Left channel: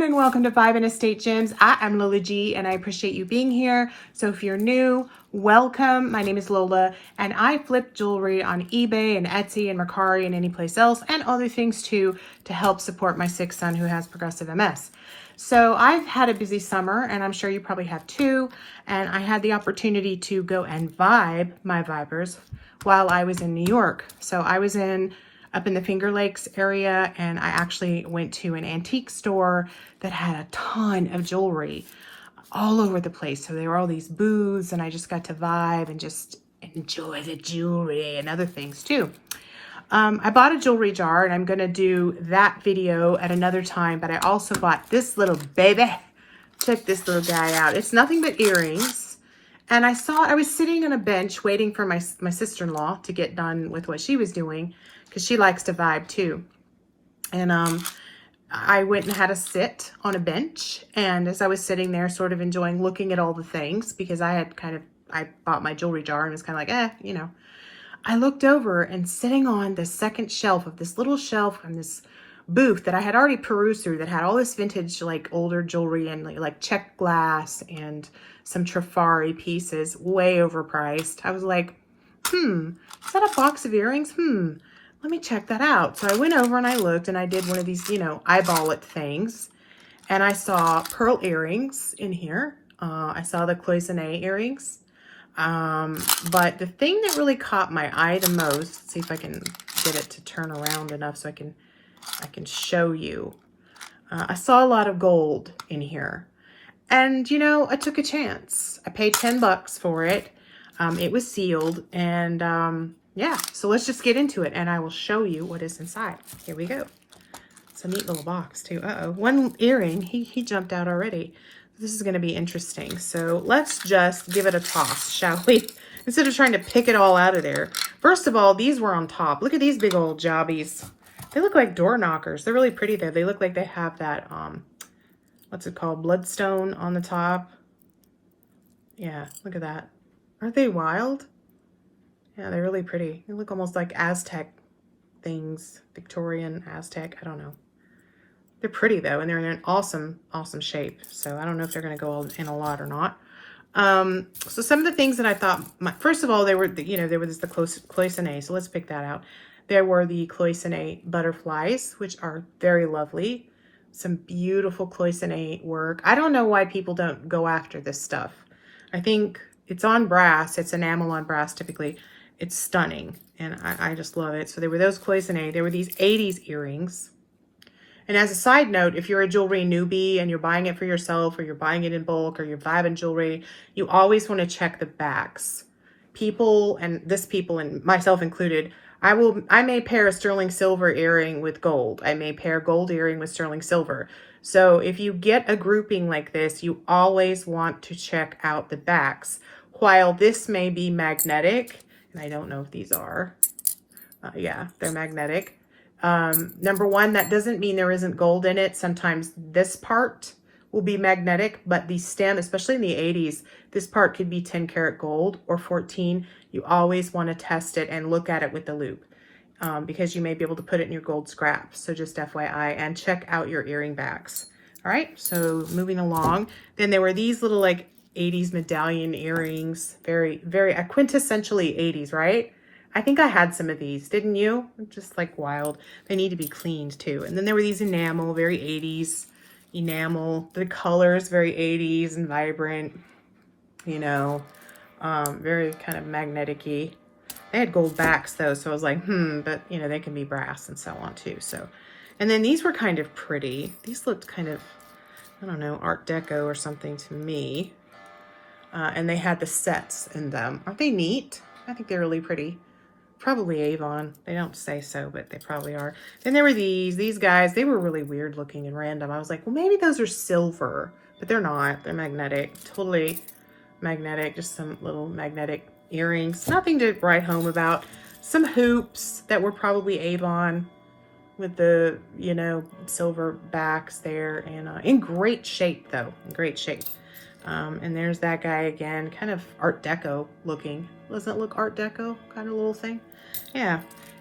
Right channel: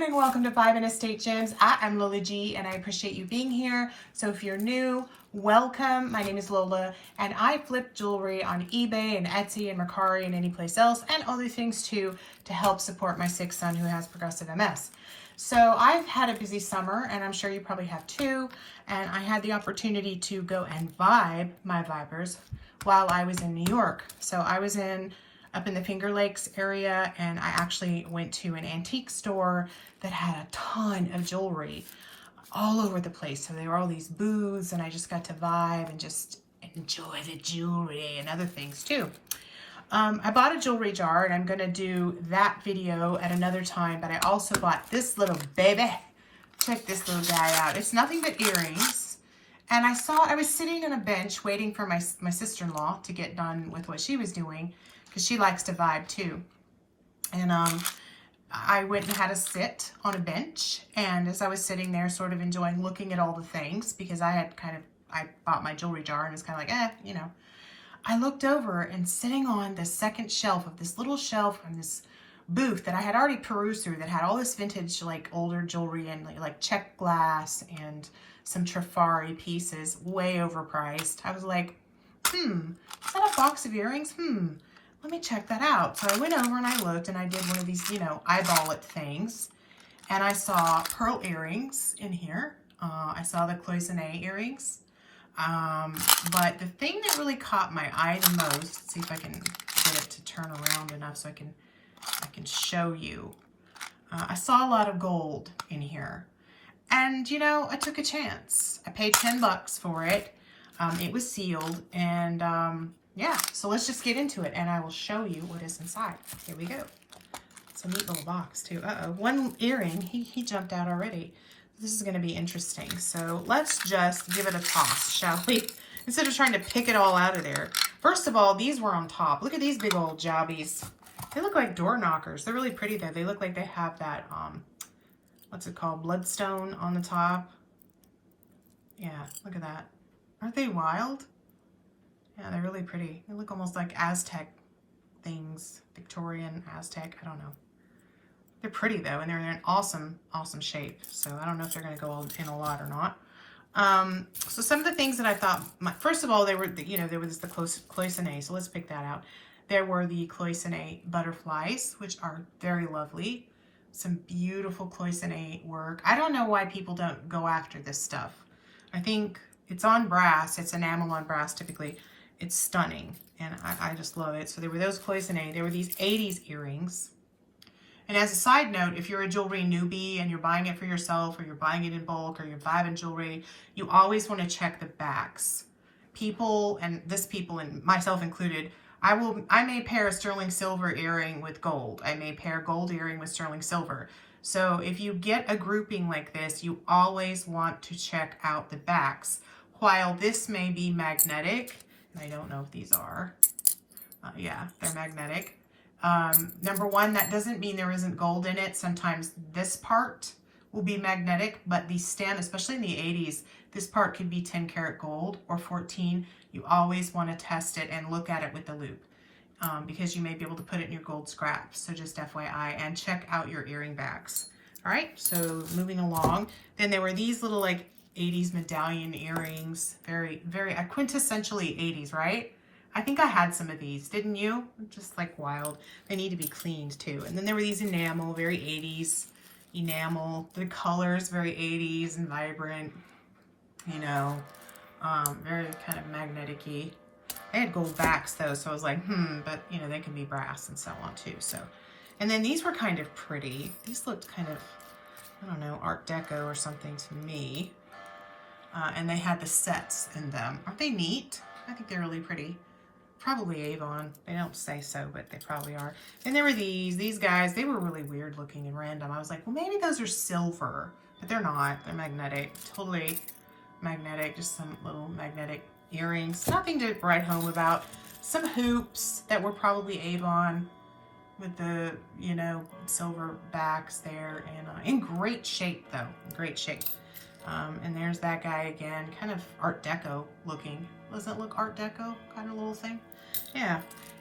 everyone, and welcome to Five and Estate Gems. I am Lola G, and I appreciate you being here. So if you're new, welcome. My name is Lola, and I flip jewelry on eBay and Etsy and Mercari and any place else, and other things too, to help support my sick son who has progressive MS. So I've had a busy summer, and I'm sure you probably have too, and I had the opportunity to go and vibe my vibers while I was in New York. So I was up in the Finger Lakes area, and I actually went to an antique store that had a ton of jewelry all over the place. So there were all these booths, and I just got to vibe and just enjoy the jewelry and other things too. I bought a jewelry jar, and I'm gonna do that video at another time, but I also bought this little baby. Check this little guy out. It's nothing but earrings. And I was sitting on a bench waiting for my sister-in-law to get done with what she was doing, because she likes to vibe too. And I went and had a sit on a bench. And as I was sitting there sort of enjoying looking at all the things, because I bought my jewelry jar and was kind of like, I looked over, and sitting on the second shelf of this little shelf on this booth that I had already perused through, that had all this vintage, like older jewelry and like check glass and some Trifari pieces, way overpriced. I was like, is that a box of earrings? Let me check that out. So I went over and I looked, and I did one of these, eyeball it things. And I saw pearl earrings in here. I saw the cloisonne earrings. But the thing that really caught my eye the most, let's see if I can get it to turn around enough so I can show you. I saw a lot of gold in here. And, I took a chance. I paid $10 for it. It was sealed, and yeah, so let's just get into it, and I will show you what is inside. Here we go. It's a neat little box too. One earring, he jumped out already. This is going to be interesting. So let's just give it a toss, shall we? Instead of trying to pick it all out of there. First of all, these were on top. Look at these big old jobbies. They look like door knockers. They're really pretty though. They look like they have that, what's it called? Bloodstone on the top. Yeah, look at that. Aren't they wild? Yeah, they're really pretty. They look almost like Aztec things. Victorian, Aztec, I don't know. They're pretty though, and they're in an awesome, awesome shape. So I don't know if they're gonna go in a lot or not. So some of the things that I thought, first of all, there was the cloisonne, so let's pick that out. There were the cloisonne butterflies, which are very lovely. Some beautiful cloisonne work. I don't know why people don't go after this stuff. I think it's on brass. It's enamel on brass typically. It's stunning, and I just love it. So there were those cloisonne. There were these 80s earrings. And as a side note, if you're a jewelry newbie and you're buying it for yourself, or you're buying it in bulk, or you're vibing jewelry, you always want to check the backs. People, and myself included, I may pair a sterling silver earring with gold. I may pair gold earring with sterling silver. So if you get a grouping like this, you always want to check out the backs. While this may be magnetic, and I don't know if these are, yeah, they're magnetic. Number one, that doesn't mean there isn't gold in it. Sometimes this part will be magnetic, but these especially in the 80s, this part could be 10 karat gold or 14. You always want to test it and look at it with the loupe, because you may be able to put it in your gold scraps. So just FYI, and check out your earring backs. All right, so moving along. Then there were these little like 80s medallion earrings, very, very quintessentially 80s, right? I think I had some of these, didn't you? Just like wild. They need to be cleaned too. And then there were these enamel, very 80s enamel. The colors, very 80s and vibrant, very kind of magnetic-y. They had gold backs though, so I was like, but they can be brass and so on too. So, and then these were kind of pretty. These looked kind of, I don't know, Art Deco or something to me. And they had the sets in them. Aren't they neat? I think they're really pretty. Probably Avon. They don't say so, but they probably are. Then there were these guys. They were really weird looking and random. I was like, well, maybe those are silver, but they're not. They're magnetic. Totally magnetic. Just some little magnetic earrings. Nothing to write home about. Some hoops that were probably Avon with the, silver backs there. And in great shape, though. In great shape. And there's that guy again, kind of Art Deco looking. Doesn't it look Art Deco kind of little thing? Yeah.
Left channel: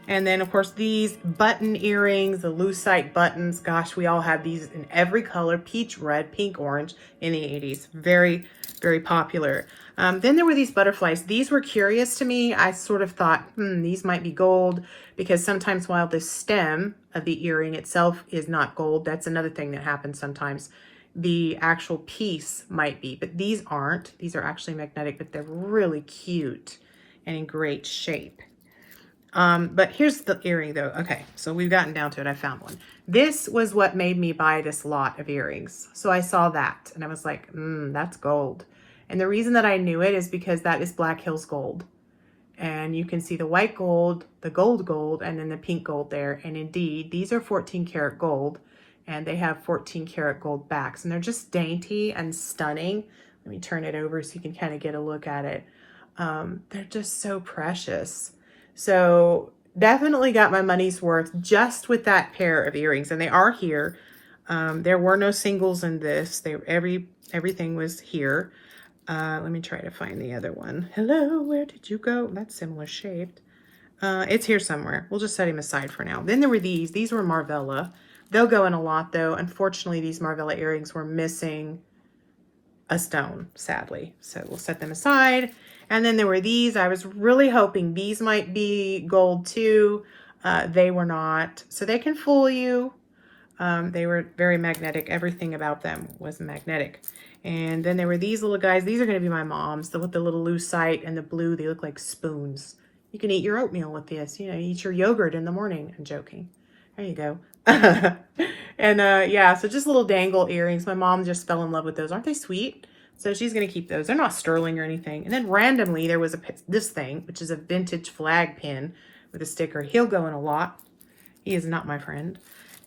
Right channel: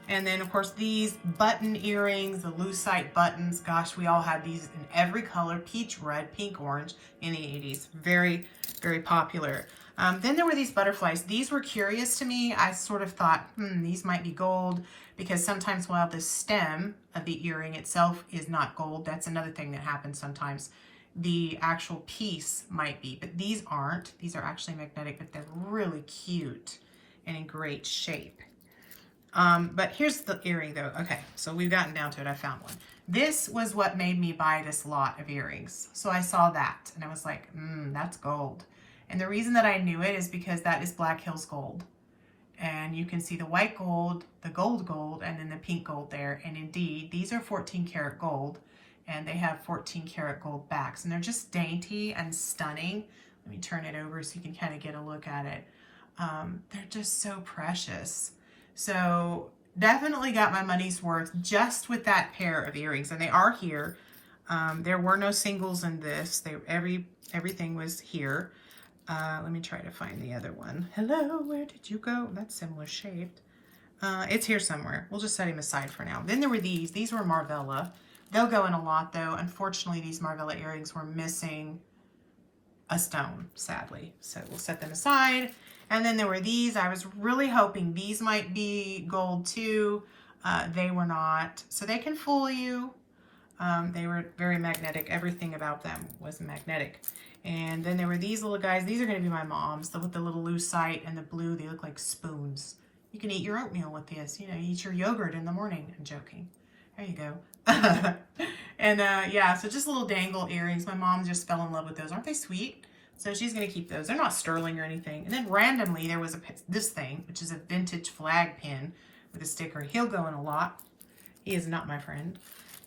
And then of course these button earrings, the lucite buttons, gosh, we all had these in every color, peach, red, pink, orange in the 80s. Very, very popular. Then there were these butterflies. These were curious to me. I sort of thought, these might be gold, because sometimes while the stem of the earring itself is not gold, that's another thing that happens sometimes. The actual piece might be, but these aren't. These are actually magnetic, but they're really cute and in great shape. But here's the earring though. Okay, so we've gotten down to it. I found one. This was what made me buy this lot of earrings. So I saw that and I was like, that's gold. And the reason that I knew it is because that is Black Hills gold. And you can see the white gold, the gold, and then the pink gold there. And indeed, these are 14 karat gold, and they have 14 karat gold backs. And they're just dainty and stunning. Let me turn it over so you can kind of get a look at it. They're just so precious. So definitely got my money's worth just with that pair of earrings. And they are here. There were no singles in this. Everything was here. Let me try to find the other one. Hello, where did you go? That's similar shaped. It's here somewhere. We'll just set him aside for now. Then there were these. These were Marvella. They'll go in a lot though. Unfortunately, these Marvella earrings were missing a stone, sadly. So we'll set them aside. And then there were these. I was really hoping these might be gold too. They were not. So they can fool you. They were very magnetic. Everything about them was magnetic. And then there were these little guys. These are going to be my mom's. With the little lucite and the blue, they look like spoons. You can eat your oatmeal with this. You know, eat your yogurt in the morning. I'm joking. There you go. And yeah, so just little dangle earrings. My mom just fell in love with those. Aren't they sweet? So she's going to keep those. They're not sterling or anything. And then randomly there was this thing, which is a vintage flag pin with a sticker. He'll go in a lot. He is not my friend.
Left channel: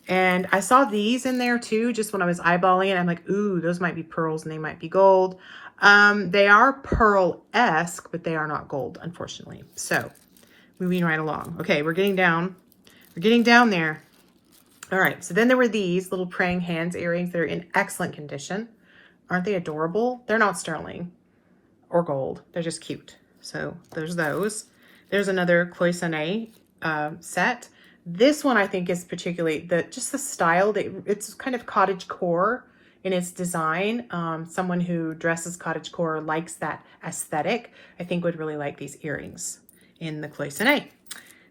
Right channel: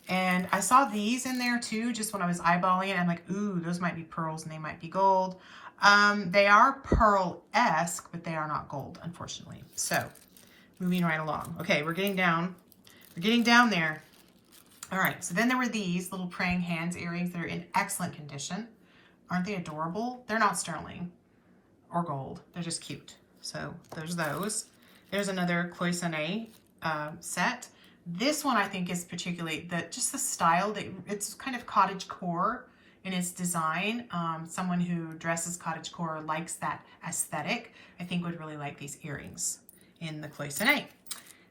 And I saw these in there too, just when I was eyeballing it. I'm like, ooh, those might be pearls and they might be gold. They are pearl-esque, but they are not gold, unfortunately. So moving right along. Okay, we're getting down. We're getting down there. All right, so then there were these little praying hands earrings that are in excellent condition. Aren't they adorable? They're not sterling or gold. They're just cute. So there's those. There's another cloisonne set. This one I think is particularly just the style. It's kind of cottagecore in its design. Someone who dresses cottagecore likes that aesthetic. I think would really like these earrings in the cloisonne.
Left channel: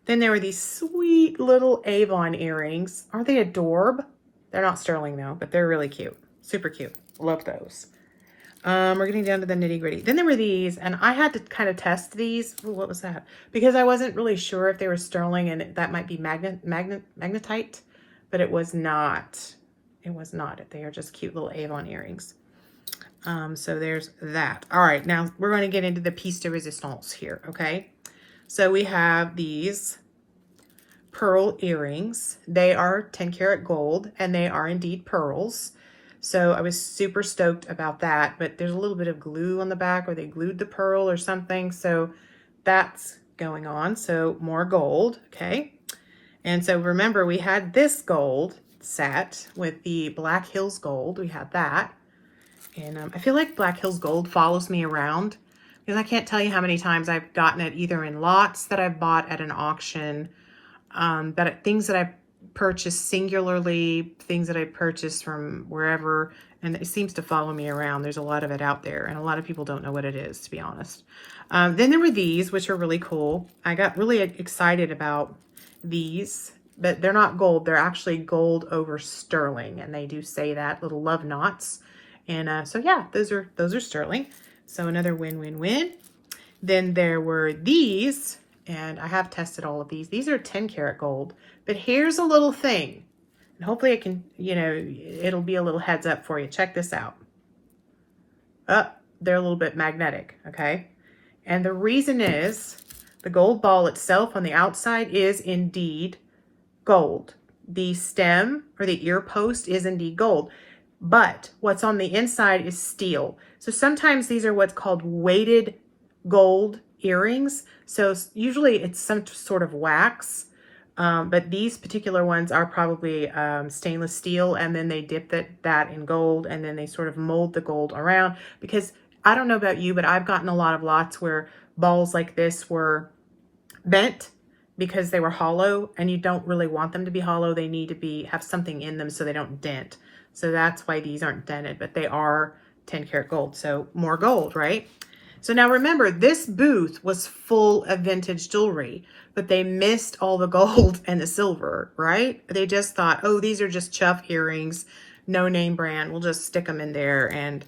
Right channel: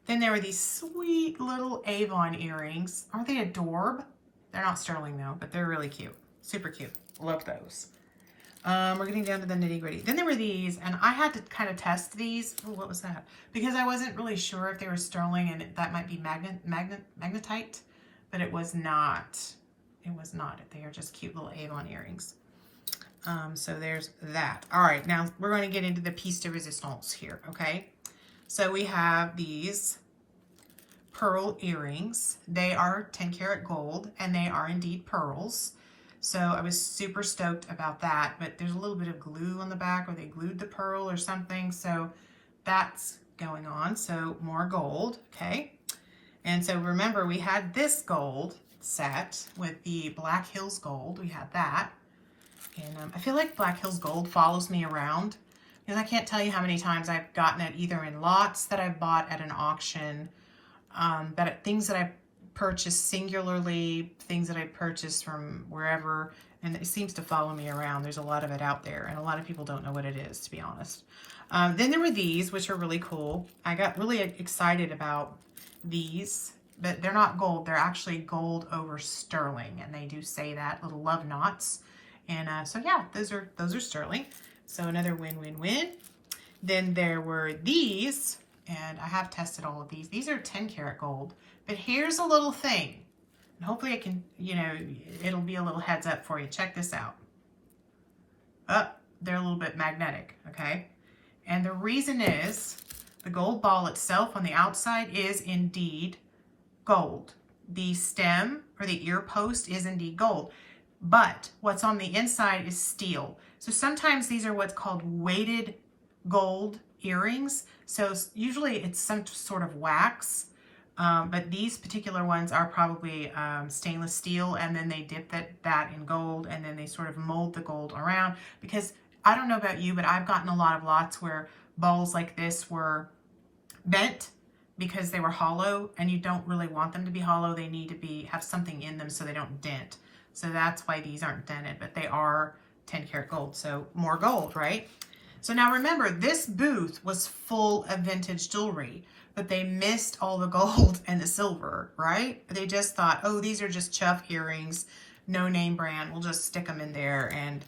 Then there were these sweet little Avon earrings. Aren't they adorable? They're not sterling though, but they're really cute. Super cute. Love those. We're getting down to the nitty gritty. Then there were these, and I had to kind of test these. Ooh, what was that? Because I wasn't really sure if they were sterling and that might be magnetite, but it was not. It was not. They are just cute little Avon earrings. So there's that. All right, now we're going to get into the piece de resistance here, okay? So we have these pearl earrings. They are 10 karat gold, and they are indeed pearls. So I was super stoked about that, but there's a little bit of glue on the back, or they glued the pearl or something. So that's going on. So more gold, okay? And so remember, we had this gold set with the Black Hills gold. We had that. And I feel like Black Hills gold follows me around, because I can't tell you how many times I've gotten it either in lots that I've bought at an auction, things that I've purchased singularly, things that I purchased from wherever, and it seems to follow me around. There's a lot of it out there, and a lot of people don't know what it is, to be honest. Then there were these, which are really cool. I got really excited about these, but they're not gold. They're actually gold over sterling, and they do say that, little love knots. And so yeah, those are sterling. So another win-win-win. Then there were these, and I have tested all of these. These are 10 karat gold. But here's a little thing, and hopefully it can, it'll be a little heads up for you. Check this out. They're a little bit magnetic, okay? And the reason is the gold ball itself on the outside is indeed gold. The stem or the ear post is indeed gold, but what's on the inside is steel. So sometimes these are what's called weighted gold earrings. So usually it's some sort of wax. But these particular ones are probably stainless steel, and then they dip that in gold, and then they sort of mold the gold around. Because I don't know about you, but I've gotten a lot of lots where balls like this were bent because they were hollow, and you don't really want them to be hollow. They need to have something in them so they don't dent. So that's why these aren't dented, but they are 10 karat gold. So more gold, right? So now remember, this booth was full of vintage jewelry, but they missed all the gold and the silver, right? They just thought, oh, these are just chuff earrings, no name brand. We'll just stick them in there. And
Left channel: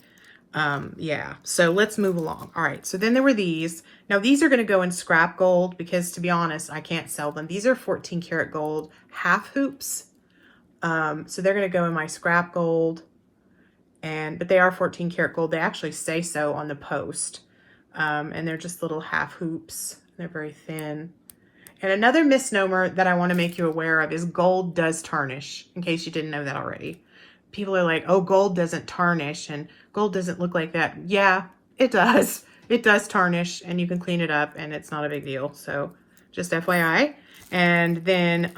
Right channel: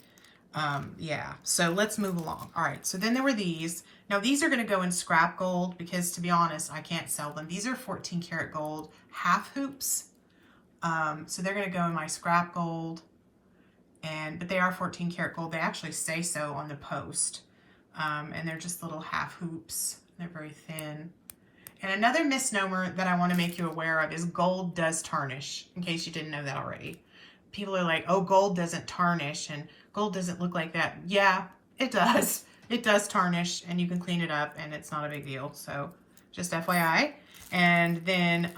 yeah, so let's move along. All right, so then there were these. Now these are gonna go in scrap gold because, to be honest, I can't sell them. These are 14 karat gold half hoops. So they're gonna go in my scrap gold, but they are 14 karat gold. They actually say so on the post. And they're just little half hoops. They're very thin. And another misnomer that I want to make you aware of is gold does tarnish, in case you didn't know that already. People are like, oh, gold doesn't tarnish and gold doesn't look like that. Yeah, it does. It does tarnish, and you can clean it up, and it's not a big deal. So just FYI. And then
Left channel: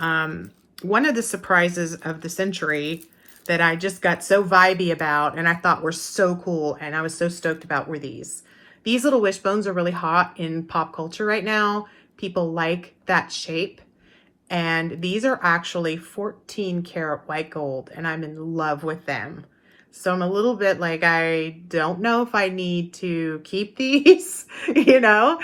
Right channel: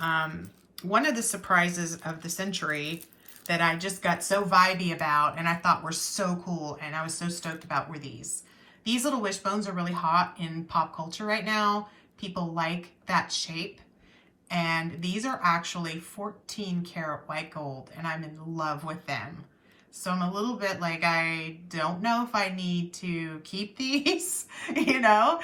one of the surprises of the century that I just got so vibey about and I thought were so cool and I was so stoked about were these. These little wishbones are really hot in pop culture right now. People like that shape. And these are actually 14 karat white gold, and I'm in love with them. So I'm a little bit like, I don't know if I need to keep these, you know.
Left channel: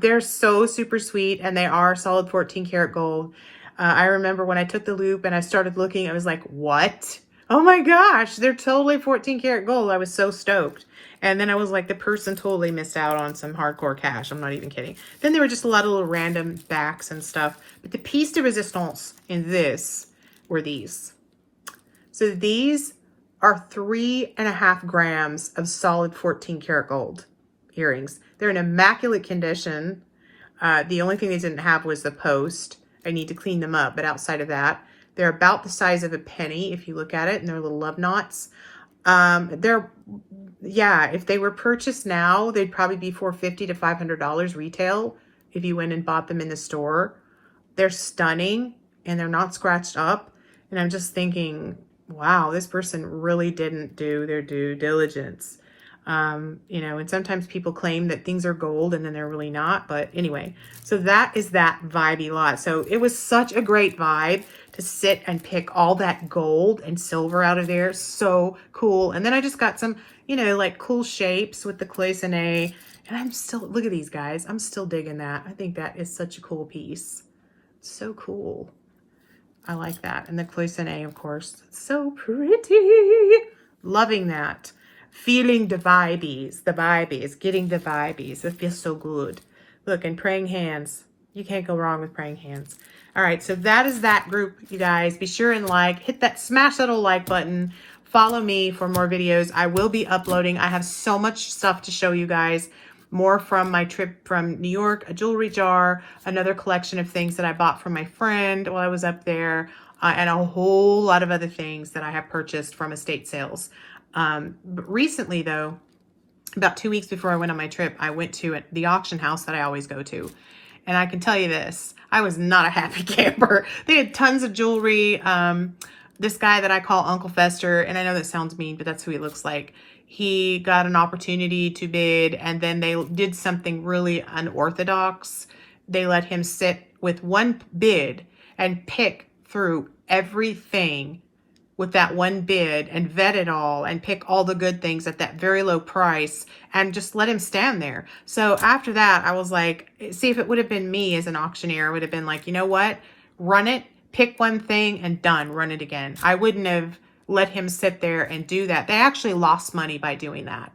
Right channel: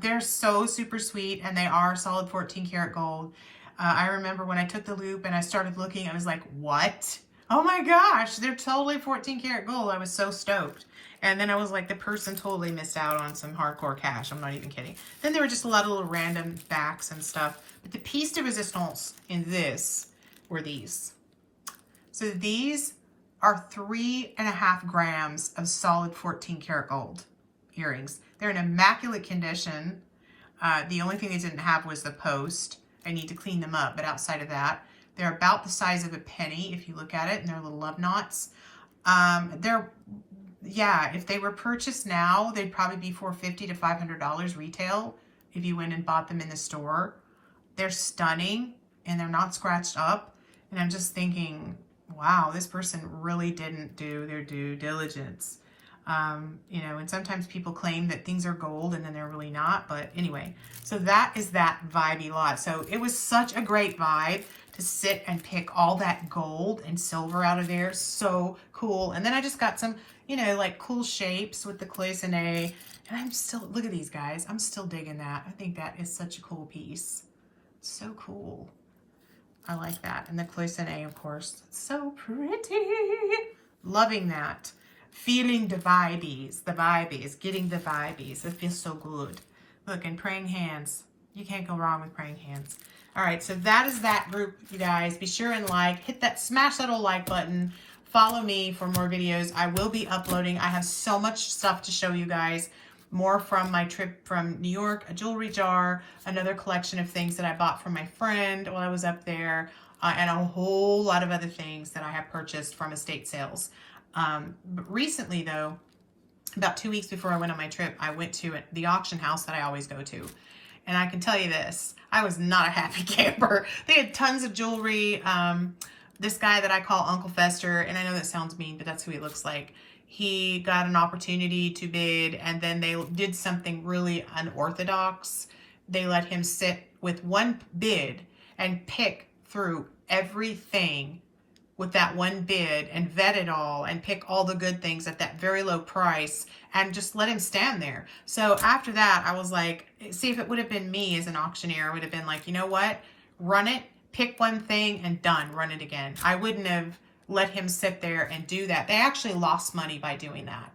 They're so super sweet, and they are solid 14 karat gold. I remember when I took the loop and I started looking, I was like, what? Oh my gosh, they're totally 14 karat gold. I was so stoked. And then I was like, the person totally missed out on some hardcore cash. I'm not even kidding. Then there were just a lot of little random backs and stuff. But the piece de resistance in this were these. So these are 3.5 grams of solid 14 karat gold earrings. They're in immaculate condition. The only thing they didn't have was the post. I need to clean them up. But outside of that, they're about the size of a penny if you look at it. And they're little love knots. Yeah, if they were purchased now, they'd probably be $450 to $500 retail if you went and bought them in the store. They're stunning, and they're not scratched up. And I'm just thinking, wow, this person really didn't do their due diligence. You know, and sometimes people claim that things are gold and then they're really not. But anyway, so that is that vibey lot. So it was such a great vibe to sit and pick all that gold and silver out of there. So cool. And then I just got some, you know, like cool shapes with the cloisonne. And I'm still, look at these guys. I'm still digging that. I think that is such a cool piece. So cool. I like that. And the cloisonne, of course. So pretty. Loving that. Feeling the vibies. The vibies. Getting the vibies. It feels so good. Look, and praying hands. You can't go wrong with praying hands. All right, so that is that group, you guys. Be sure and hit that, smash that little like button. Follow me for more videos. I will be uploading. I have so much stuff to show you guys. More from my trip from New York, a jewelry jar, another collection of things that I bought from my friend while I was up there, and a whole lot of other things that I have purchased from estate sales. But recently, though, about 2 weeks before I went on my trip, I went to the auction house that I always go to. And I can tell you this, I was not a happy camper. They had tons of jewelry. This guy that I call Uncle Fester, and I know that sounds mean, but that's who he looks like. He got an opportunity to bid, and then they did something really unorthodox. They let him sit with one bid and pick through everything with that one bid and vet it all and pick all the good things at that very low price and just let him stand there. So after that, I was like, see, if it would have been me as an auctioneer, I would have been like, you know what? Run it, pick one thing and done, run it again. I wouldn't have let him sit there and do that. They actually lost money by doing that.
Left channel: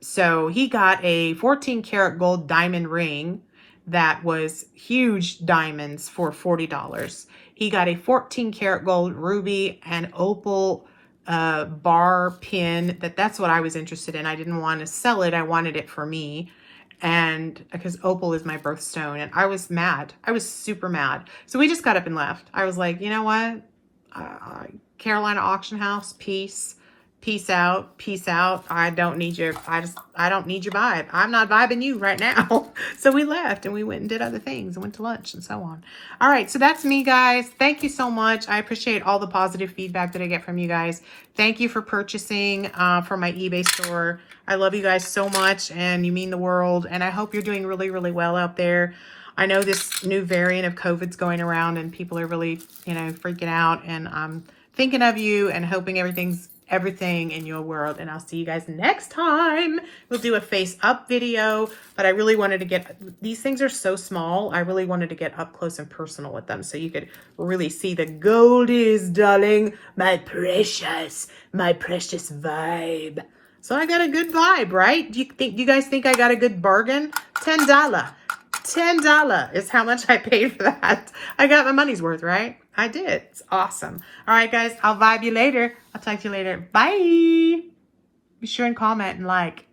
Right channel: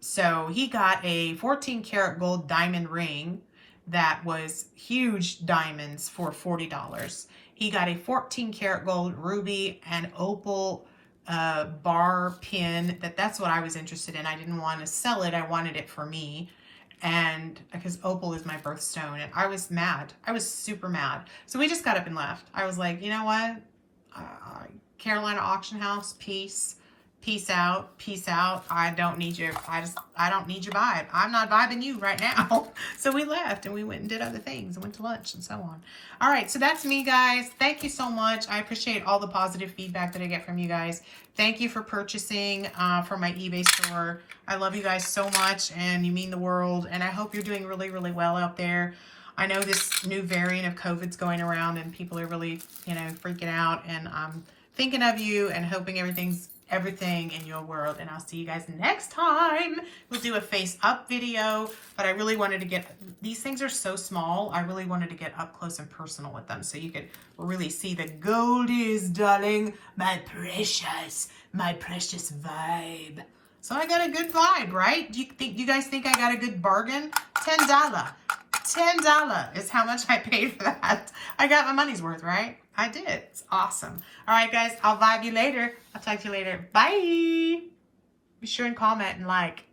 So he got a 14 karat gold diamond ring that was huge diamonds for $40. He got a 14 karat gold ruby and opal bar pin. That's what I was interested in. I didn't want to sell it. I wanted it for me. And because opal is my birthstone, and I was mad. I was super mad. So we just got up and left. I was like, you know what? Carolina Auction House, peace out, peace out. I don't need your vibe. I'm not vibing you right now. So we left and we went and did other things and went to lunch and so on. All right, so that's me, guys. Thank you so much. I appreciate all the positive feedback that I get from you guys. Thank you for purchasing from my eBay store. I love you guys so much, and you mean the world. And I hope you're doing really, really well out there. I know this new variant of COVID's going around and people are really, freaking out, and I'm thinking of you and hoping everything in your world. And I'll see you guys next time. We'll do a face up video, but I really wanted to get, these things are so small. I really wanted to get up close and personal with them so you could really see the goldies, darling, my precious vibe. So I got a good vibe, right? Do you guys think I got a good bargain? $10. $10 is how much I paid for that. I got my money's worth, right? I did. It's awesome. All right, guys, I'll vibe you later. I'll talk to you later. Bye. Be sure and comment and like.